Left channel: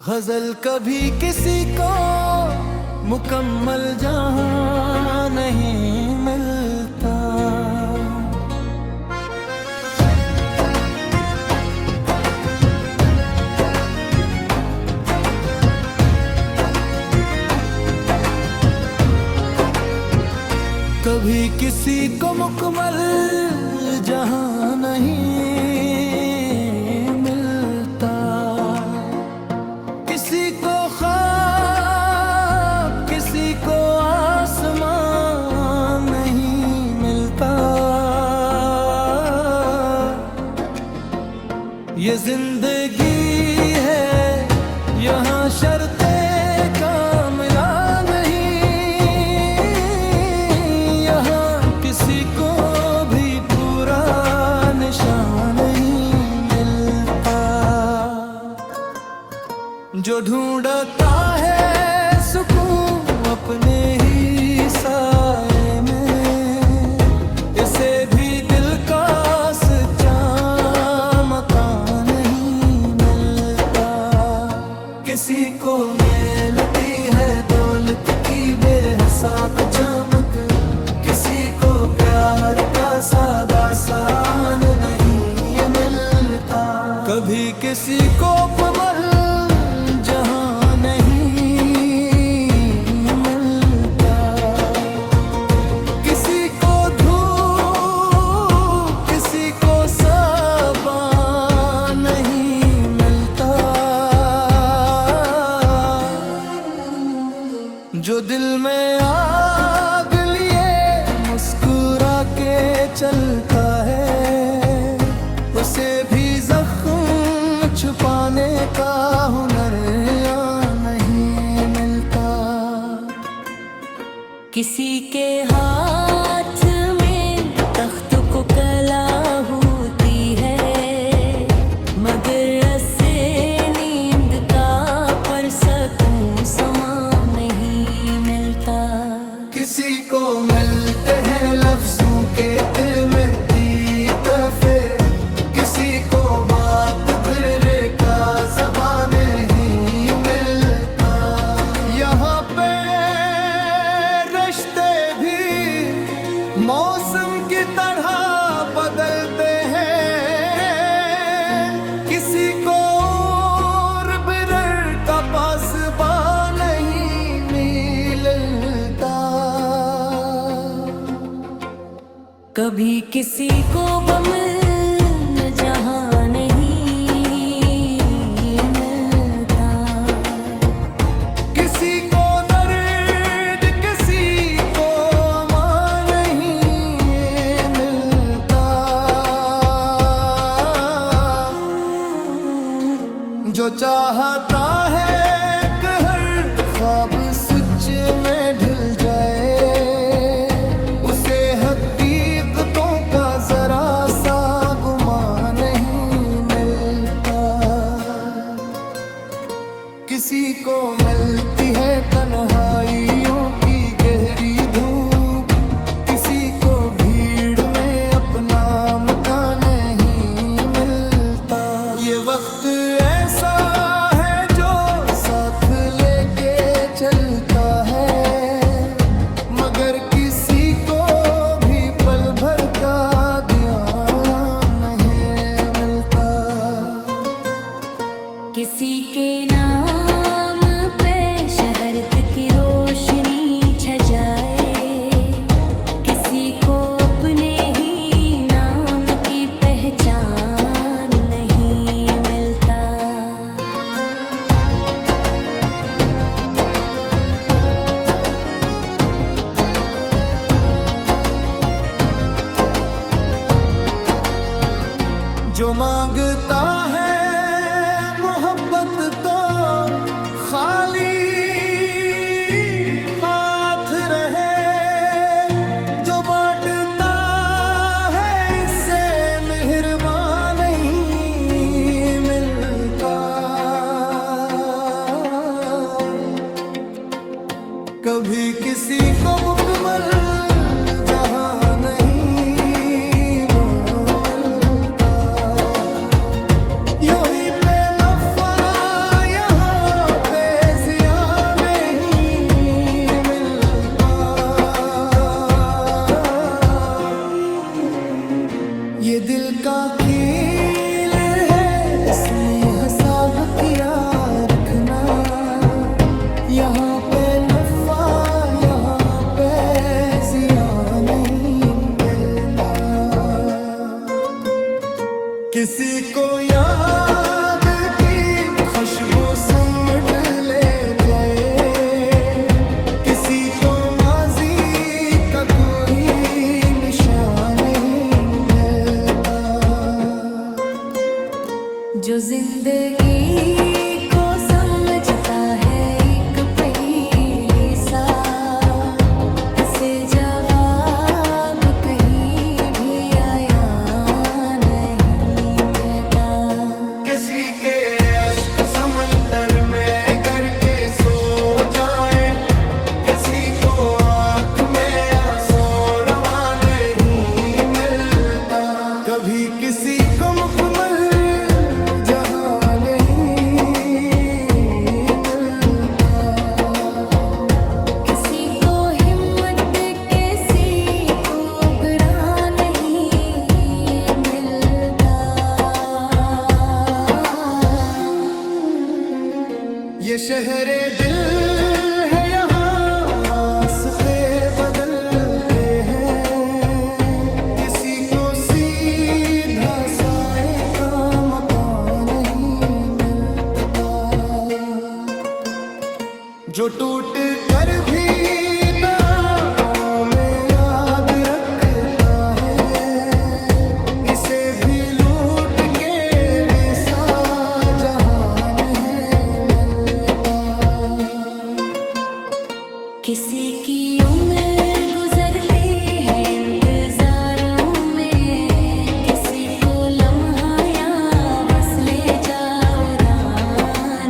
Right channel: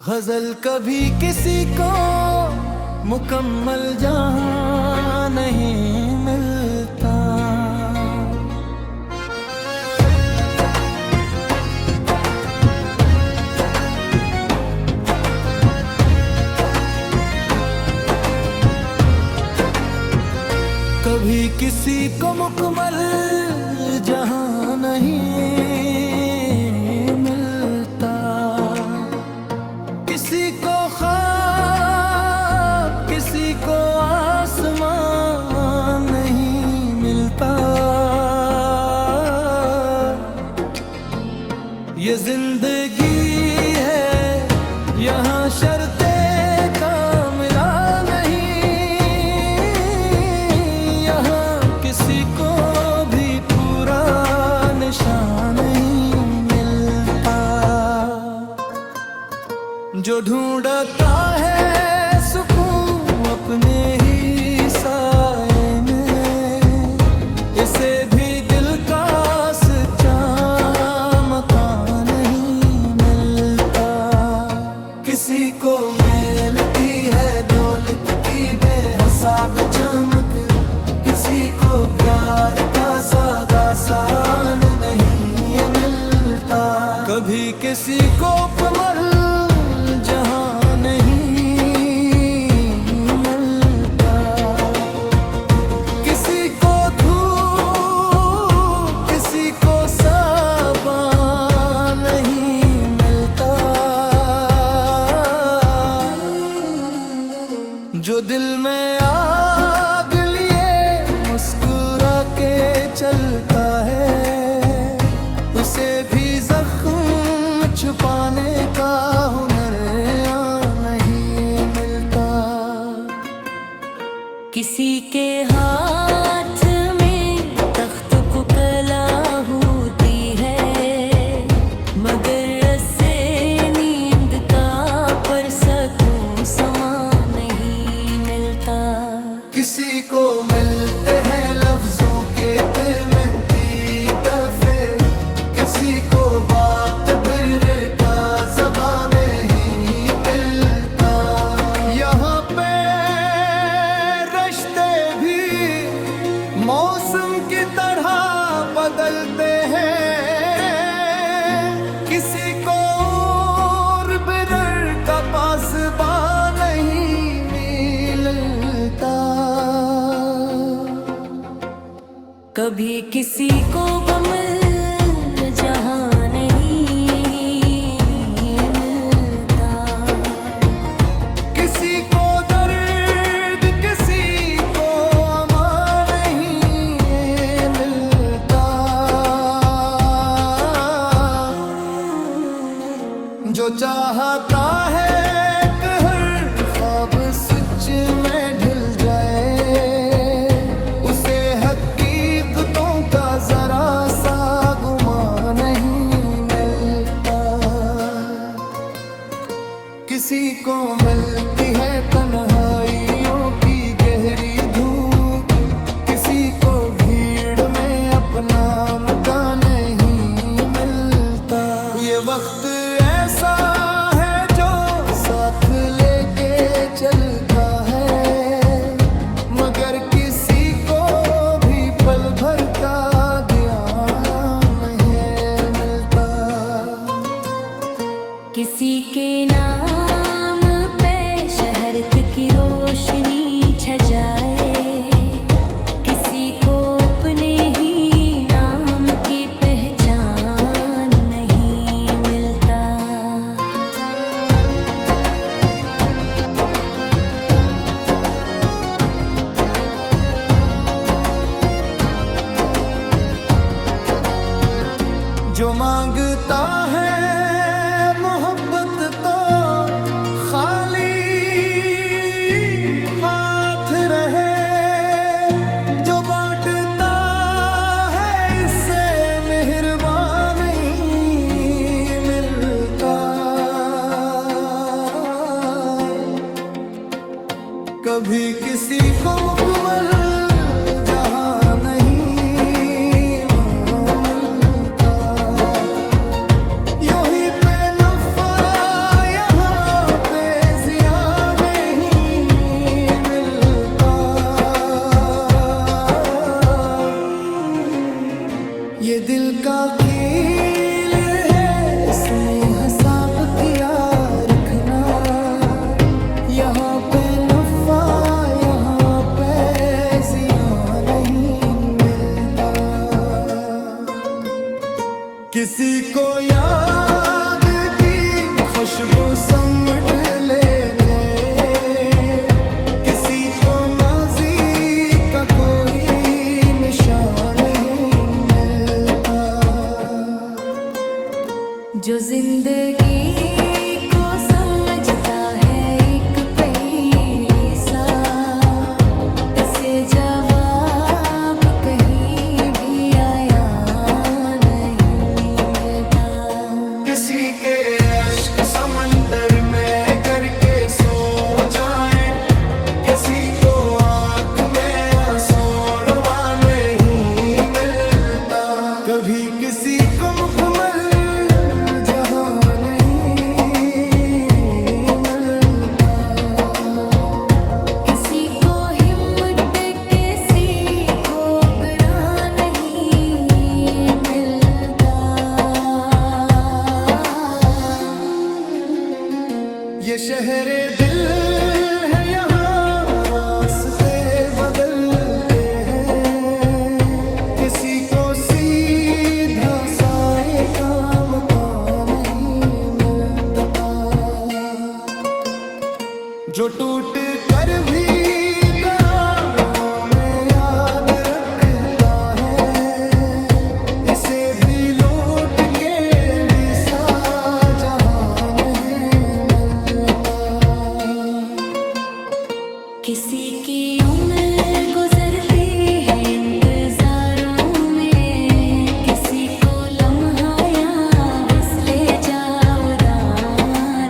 गजल कभी किसी को मुकम्मल जहां नहीं मिलता। कभी किसी को मुकम्मल जहां नहीं मिलता। किसी को ख्वाब किसी को आसमान नहीं मिलता। ये जिंदगी है यहाँ शर्ते कामिला नहीं। यहाँ किसी को भी पूरा निशान नहीं मिलता। जो ढूंढता है सुकून अपने ही साए में, इसे भी दिल का सच्चा मकान नहीं मिलता। किसी को मिलती है दौलत की बेहिसाब चमक, किसी को प्यार का सादा सान नहीं मिलता। कभी किसी को पमल जहां नहीं मिलता। किसी को धूप किसी को साबान नहीं मिलता। जो दिल में आग लिए मुस्कुरा के चलता है, उसे भी जख्म छुपाने का हुनर नहीं मिलता। किसी के हाथ में तख्त को कला होती है, मगर रस्से नींद का पर सकूं समा नहीं मिलता। किसी को मिलते हैं लफ्जों के दिल में दीपे, किसी को बात फिरे का ज़बान नहीं मिलता। यहाँ पे रिश्ते भी मौसम की तरह बदलते हैं। किसी को बिरर का पासबा नहीं मिलता। कभी किसी को गम जहां नहीं मिलता। किसी को दर्द किसी को अमान नहीं मिलता। जो चाहता है कि हर ख्वाब सच में ढल जाए, उसे हकीकतों का जरा सा गुमान नहीं मिलता। किसी को मिलती है तन्हाइयों की गहरी धूप, किसी को भीड़ में अपना मकान नहीं मिलता। ये वक्त ऐसा है जो साथ लेके चलता है, मगर किसी को भी पल भर का ध्यान नहीं मिलता। किसी के नाम पे शहरत की रोशनी छा जाए, किसी को अपने ही नाम की पहचान नहीं मिलता। जो मांगता है मोहब्बत तो खाली हाथ रहे, जो बांटता है इससे मेहरबान नहीं मिलता। कभी किसी को मुकम्मल जहां नहीं मिलता। यूं ही पे नफा यहाँ हिसाब किया रखना, यहाँ पे नफा यहाँ पे जिया नहीं मिलता। किसी को याद की खुशबू समट ले जाए, किसी को माजी का कोई निशान नहीं मिलता। जो जिंदगी को समझता है एक पहेली सा, इसे जवाब कहीं भी आया नहीं रहता। किसी के अश्क समंदर में करके सो जाए, किसी को आँख में आंसू रवा नहीं मिलता। कभी किसी को मुकम्मल जहां नहीं मिलता, किसी को हिम्मत दे किसी को गिरा नहीं मिलता। ये शहरे दिल है, यहाँ रास्ते बदलते हैं, किसी को सीधा साए का मकान नहीं मिलता। जो टूट कर भी दांव में याद रखता है, इसे भी लूट के भी जहां नहीं मिलता। किसी की उम्र गुजरती है इंतजारों में, किसी को लम्हा या वस्ले जाऊदा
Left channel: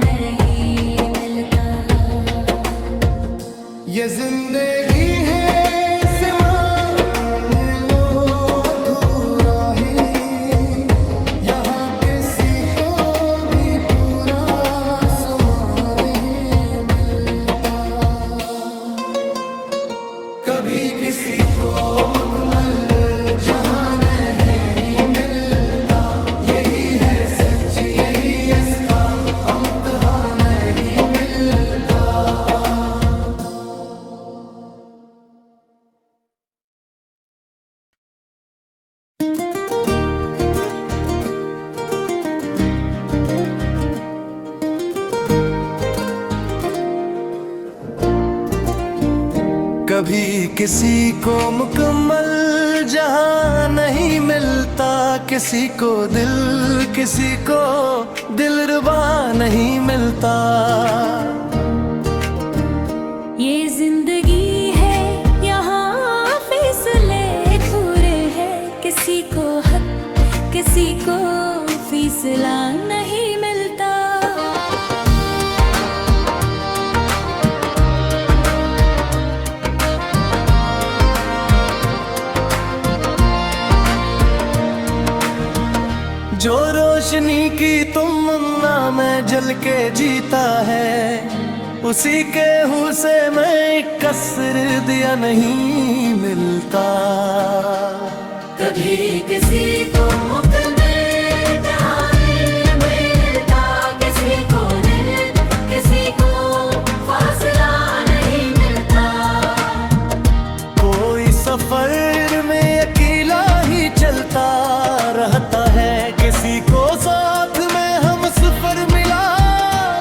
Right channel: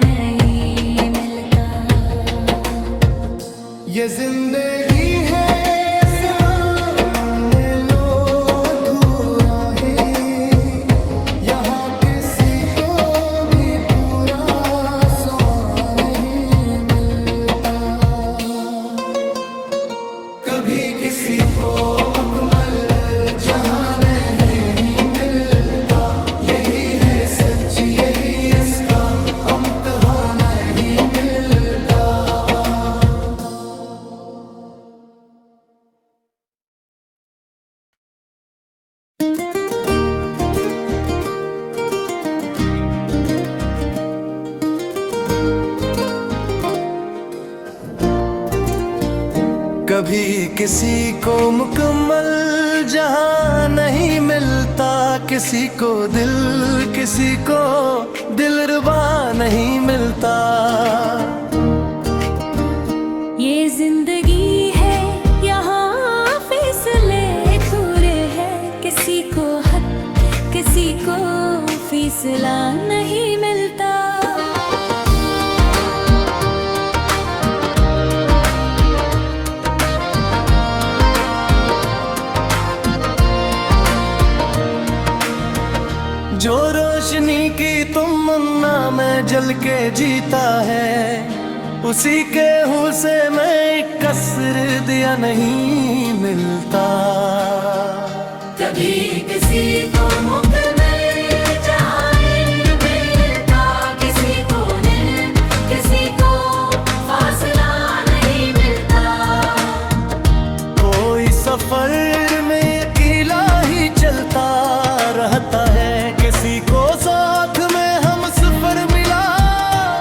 नहीं मिलता। ये जिंदगी है से मान लो अधूरा ही, यहाँ किसी को भी पूरा समान नहीं मिलता। कभी किसी को मुकम्मल जहां नहीं मिलता, यही है सच यही इसका इम्तिहान नहीं मिलता। कभी किसी को मुकम्मल जहां नहीं मिलता, किसी को दिलरुबा नहीं मिलता। ये जिंदगी है, यहाँ फैसले अधूरे हैं, किसी को हक किसी को फैसला नहीं मिलता। जो रोशनी की तमन्ना में जल के जीता है, उसी के हूँ से मैं कसर दिया नहीं मिलता। कभी किसी को मुकम्मल जहां नहीं मिलता, किसी को फासला नहीं मिलता। कोई सफर में अकेला ही चलता रहता है, किसी को साथ में हम सफर मिला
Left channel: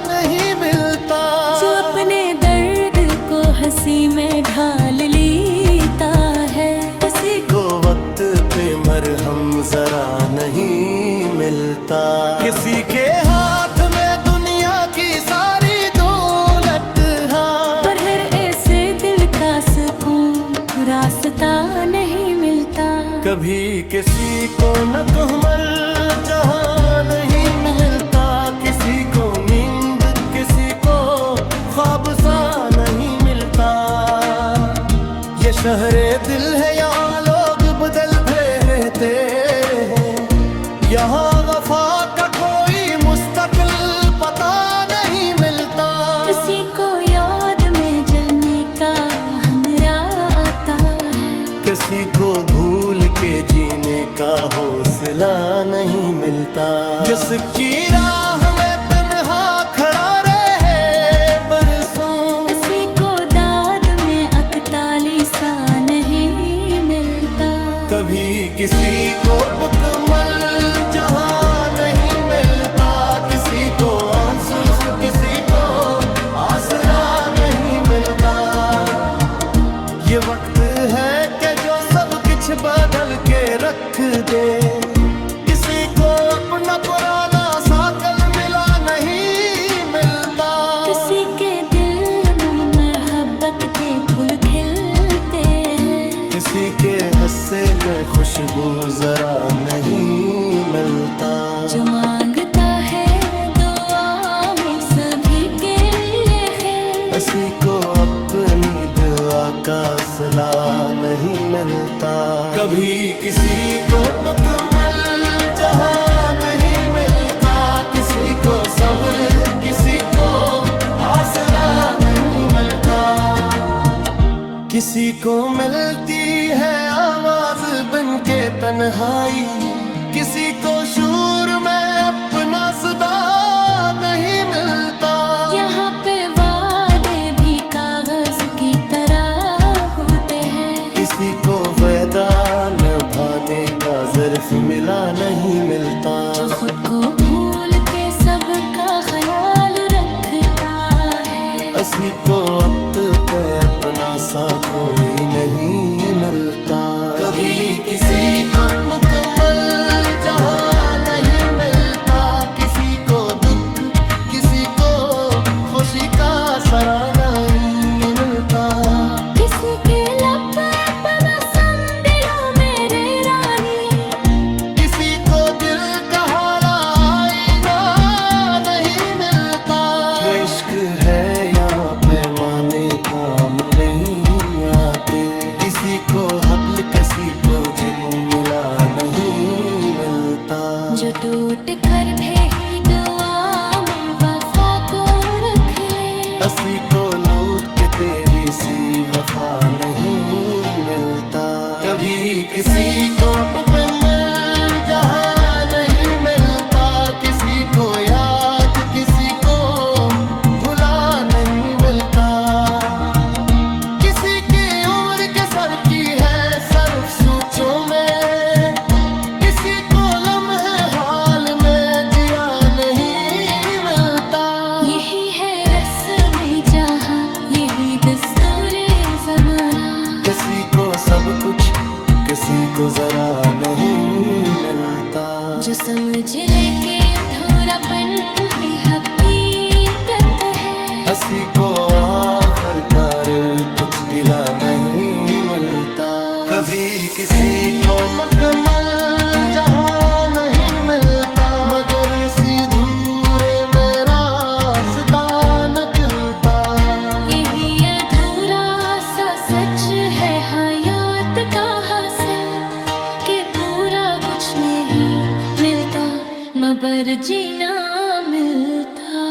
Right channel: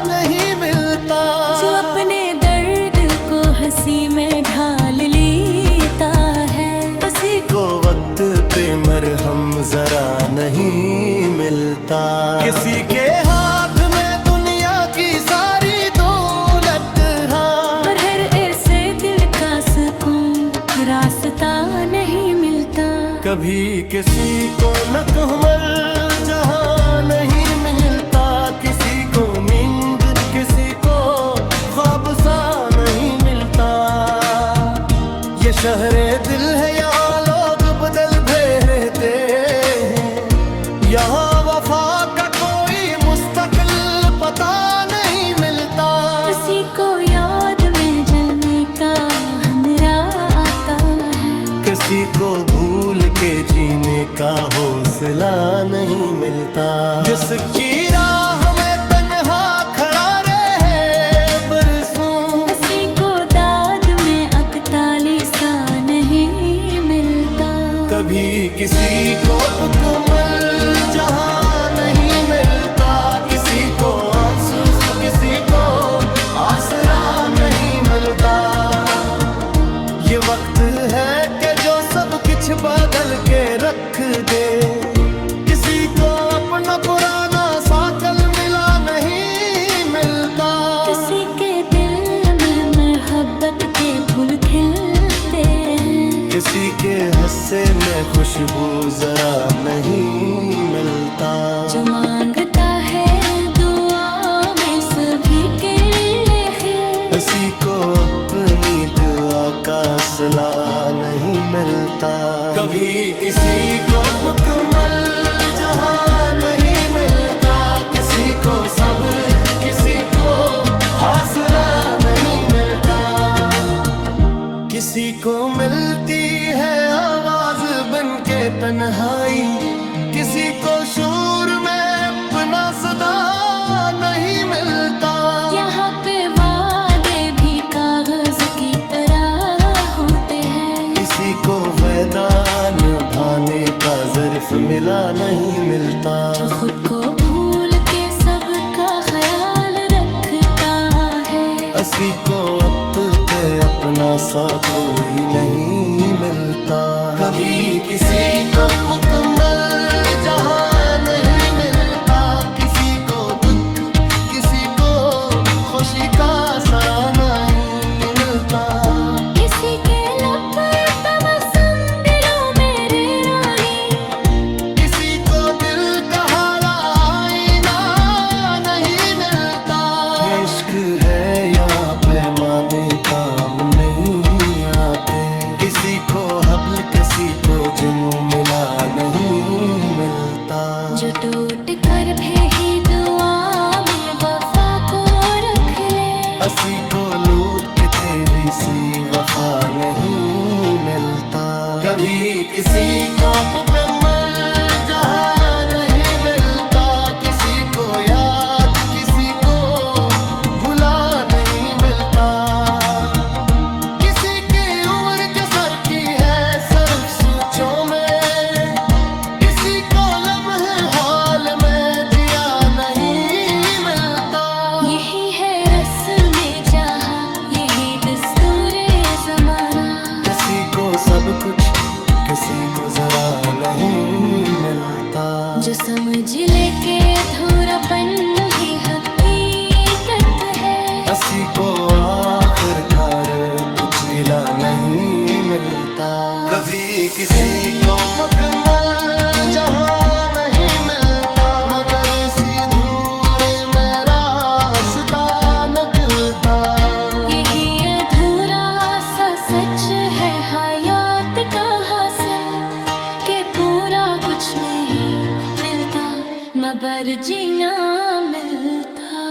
नहीं मिलता। जो अपने दर्द को हंसी में ढाल लेता है, किसी को वक्त पे मरहम जरा नहीं मिलता। किसी के हाथ में दुनिया की सारी दौलत, हाँ, पर हर ऐसे दिल का सुकून रास्ता नहीं मिलता। कभी किसी को मुकम्मल जहां नहीं मिलता, किसी को नींद किसी को ख्वाब सा नहीं मिलता। ये शहरे दिल है, यहाँ लोग बदल भे रहते हैं, यहाँ वफा का कोई मुस्तकिल पता नहीं मिलता। किसी को याद में जलने का हनरा आता है, किसी को भूल के जीने का हौसला नहीं मिलता। जिसकी राह में ये वक्त है कि जो सब कुछ बदल के रख दे। किसी को अपना पुराना सा कल मिला नहीं मिलता। किसी के दिल में मोहब्बत के फूल खिलते हैं। किसी के हंसे में खुशबू जरा नहीं मिलता। जो मांगता है दुआ में सभी के लिए खैर। किसी को अपनी दुआ का सिला नहीं मिलता। कभी किसी को मुकम्मल जहां नहीं मिलता। किसी को सब्र, किसी को हौसला नहीं मिलता। किसी को मिलती है आवाज बन के तन्हाई। किसी को शूर में अपना सदा नहीं मिलता। यहाँ पे वादे भी कागज की तरह होते हैं। किसी को वादा निभाने का ज़र्फ मिला नहीं मिलता। जो खुद को भूल के सबका ख्याल रखता है। किसी को अब पे अपना सा कोई नहीं मिलता। कभी किसी को मुकम्मल जहां नहीं मिलता। किसी को दुख, किसी को खुशी का सराहना नहीं मिलता। किसी के लब पर तबस्सुम दिलों मेरे रानी। किसी को दिल का हारा आईना नहीं मिलता। इश्क है यहाँ पे माने काम नहीं आते। किसी को हब्ल, किसी को जुनून मिला नहीं मिलता। जो टूट कर भी ही दुआ में वफा को रख ले। किसी को लूट के तेरी सी वफा नहीं मिलता। कभी किसी को अपने मर जहां नहीं मिलता। किसी को याद, किसी को भुला नहीं मिलता। किसी की उम्र के सर की है सर्फ सूचों में। किसी को लम्हे हाल में जिया नहीं मिलता। यही है रस्म जहां, यही दस्तूरे ज़माना। किसी को सब कुछ, किसी को जरा नहीं मिलता। जो समझ ले के अधूरापन ही हकीकत है। किसी को आखिरकार कुछ गिला नहीं मिलता। कभी किसी को मुकम्मल जहां नहीं मिलता। मगर सीधूरे में रास्ता निकलता। यही अधूरा सा सच है हयात का हासिल, के पूरा कुछ नहीं मिलता मगर जीना मिलता।